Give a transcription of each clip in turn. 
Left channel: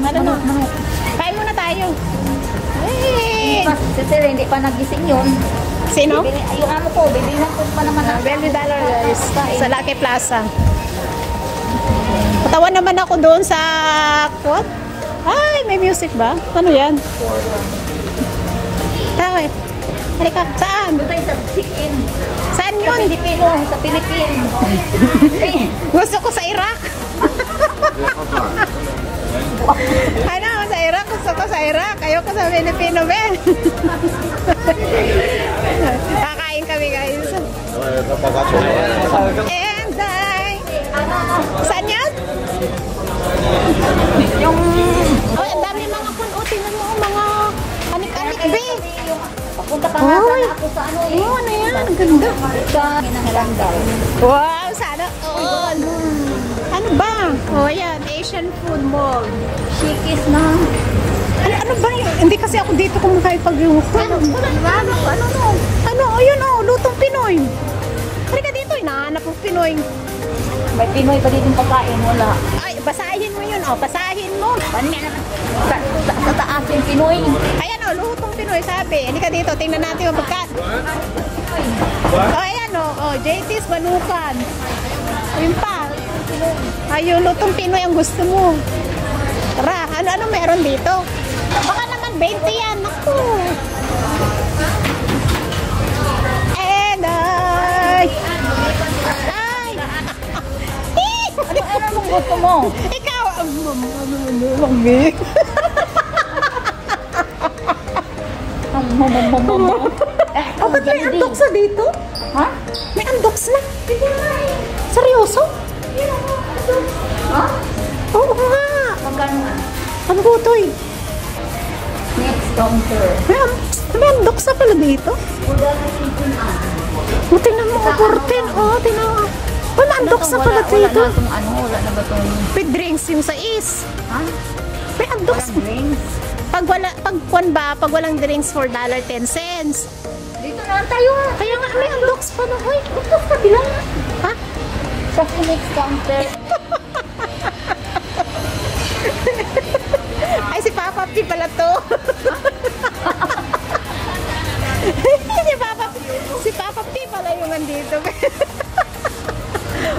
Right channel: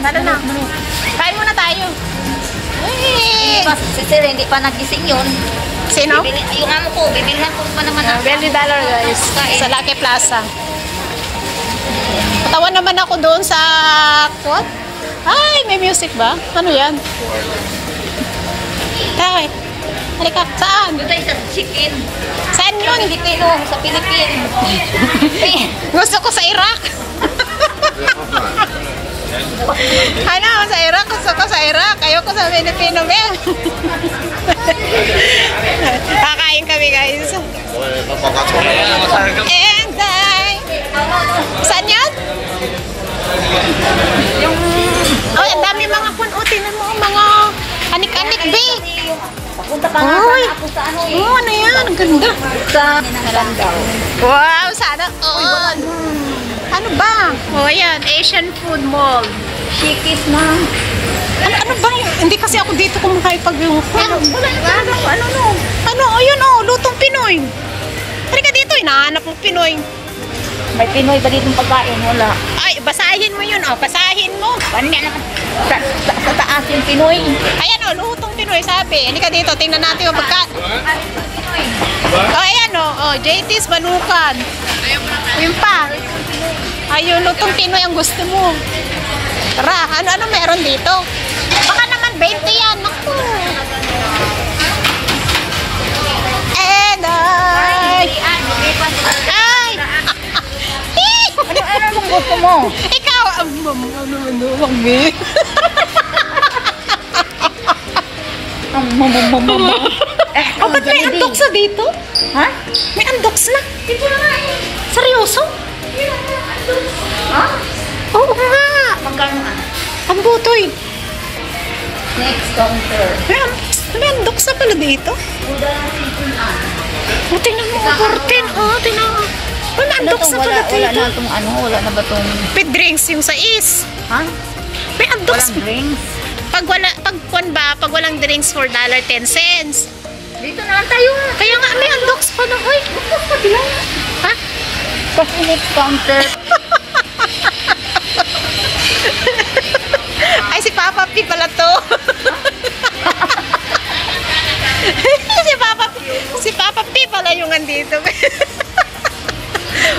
Tara na. Kain muna tayo. Uy! Si Sir, hindi pa nagising yun. Sino? Yung amo ko, bibilhan ko pa naman. $20 guys. Sa Lucky Plaza. Patawan naman ako doon sa what? Ay, may music ba? Ano yan? Bakit? Halika, saan? Dito sa chicken. Saan Sa yun? Pilipino, sa Pilipino. Gusto ko sa Iraq. Ano, sa Iraq. Gusto ko sa Iraq. Ayoko sa Pilipino, Ben. Kakain kami, guys. And saan yan? Yung... Oh, ang dami mga tingnan mo, mga anik-anik, be. Papunta pa Uy! ako sa ano eh. Oh, ano yan? Ang ganda. Sa Nalandaw. Wow, sana all. Ano ba? Oh, yan. Asian Food Mall. Shikis na. Ano ba? Hindi kasi ako dito kumakain pag yung... Ano? Ayun, oh. Lutong Pinoy. Halika dito. Hinahanap mo Pinoy. May Pinoy ba ditong pagkain? Wala. Ay, basahin mo yun, oh. Basahin mo. Sa taas yung Pinoy. Ayan, oh. Lutong Pinoy, sabi. Halika dito. Tingnan natin yung pagkain. Oh, ayan, oh. Oh, JT's Banukan. Ayun pa. Ayun, lutong Pinoy ang gusto mo. Tara, ano meron dito? Baka naman 20 yan. Naku. And ay. Ano mong gusto mo? Ikaw, ano mami? Oh, ba't may andoks na dito? Ha? May andoks na? Dito na nga eh. Seryoso? Ha? Oo nga. Magkano ah? Ang butoy. Next counter. May andoks na pala dito. Oh, tingnan mo, 14. Oh, tingnan mo. May andoks na pala dito. Wala na ba itong... With drinks yung sais. Ha? May andoks. Walang drinks. Pag walang drinks for $1.10. Dito na tayo. Kaya nga may andoks pa na. Hoy, ha? Sa next counter. Ay, si Papa P pala to. si Papa P pala yung andito.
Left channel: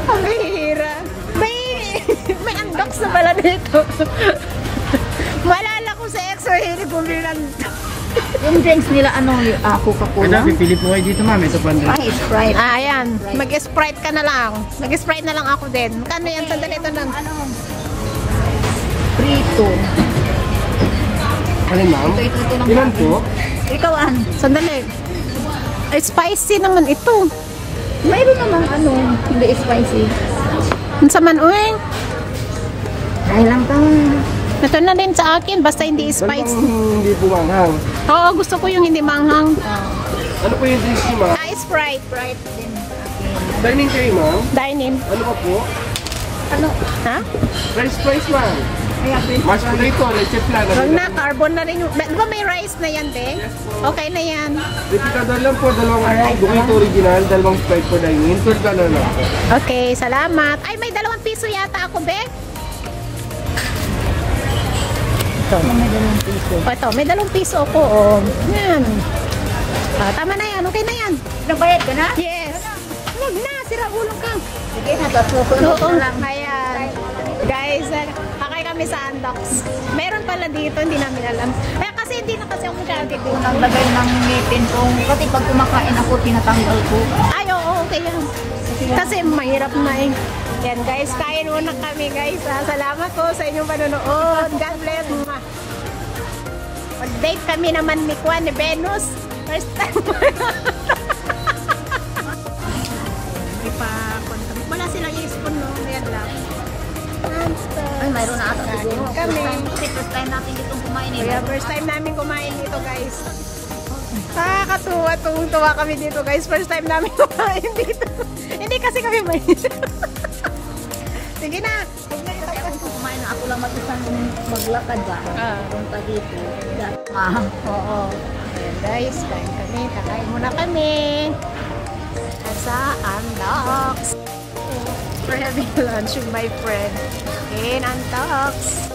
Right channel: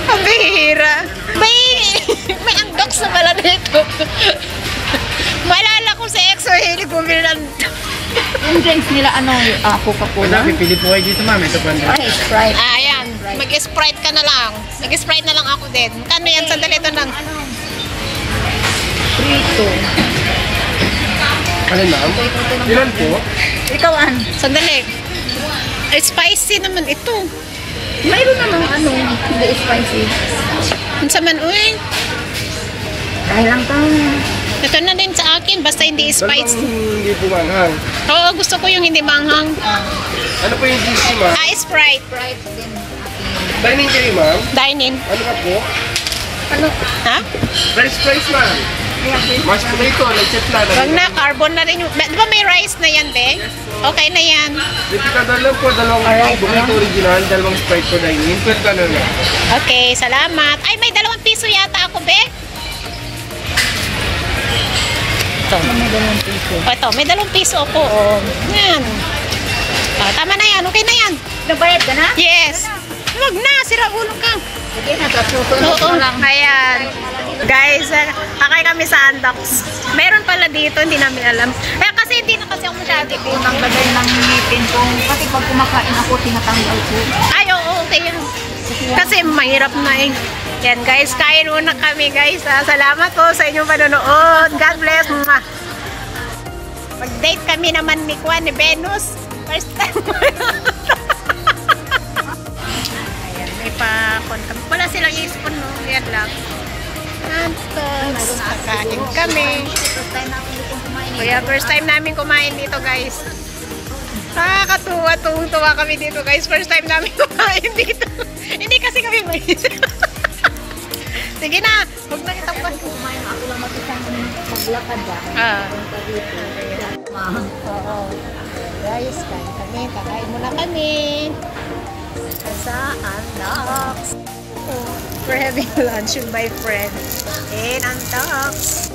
Ang bihira. May andoks na pala dito. Malala ko sa EXO, hilig bumili ng... Yung drinks nila, Coca-Cola? Pipili po kayo dito, ma'am. Ito po. Ay, Sprite. Ayan. Mag-Sprite ka na lang. Mag-Sprite na lang ako din. Kano yan? Sandali ito lang. Prito. Ano, ma'am? Ilan po? Ikaw, Sandali. Spicy naman ito. mayroon namang hindi spicy. Ang saman, uy. Dahil lang ka. Ito na din sa akin, basta hindi spicy. Hindi po manghang. Oo, gusto ko yung hindi manghang. Ano po yung juice, ma'am? Sprite. Sprite din. Dining kayo, ma'am? Dine-in. Ano pa po? Ha? Price, ma'am. Mashed potato, legit lang. Wag na, carbon na rin yung... Di ba may rice na yan, be? Okay na yan. Replicador lang po, dalawang burrito original, dalawang Sprite po dining. $12 lang po. Okay, salamat. Ay, may ₱2 yata ako, be. Ito. Ito, may ₱2 ako. Yan. Tama na yan, okay na yan. Nabayad ka na? Yes. Wag na, sira ulo ka. Sige na, tatsusunod Oo, mo lang. ayan. Guys, kakay kami sa Andox. Meron pala dito, hindi namin alam. Kasi hindi na kasi ako masyado. Nang lagay ng ngipin ko. Kasi pag kumakain ako, tinatanggal ko. Ay, oo, okay yan. Kasi mahirap na eh. Yan guys, kain muna kami guys. Salamat po sa inyong panonood. God bless. Mag-date kami naman ni Juan, ni Venus. First time mo. Ayan, may pa-con kami. Wala silang i-spoon, no? Yan lang. Mayroon na Kain kami. First time natin ditong kumain. Kaya first time namin kumain dito guys. Nakakatuwa, tuwang-tuwa kami dito guys. First time namin kumain dito. Hindi kasi kami may... Sige na, huwag na kita Kumain na ako lang mag-isang maglakad ba? Punta dito. Oo. Ayan guys, kain kami. Kakain muna kami. Sa Andox. We're having lunch with my friend in Andox.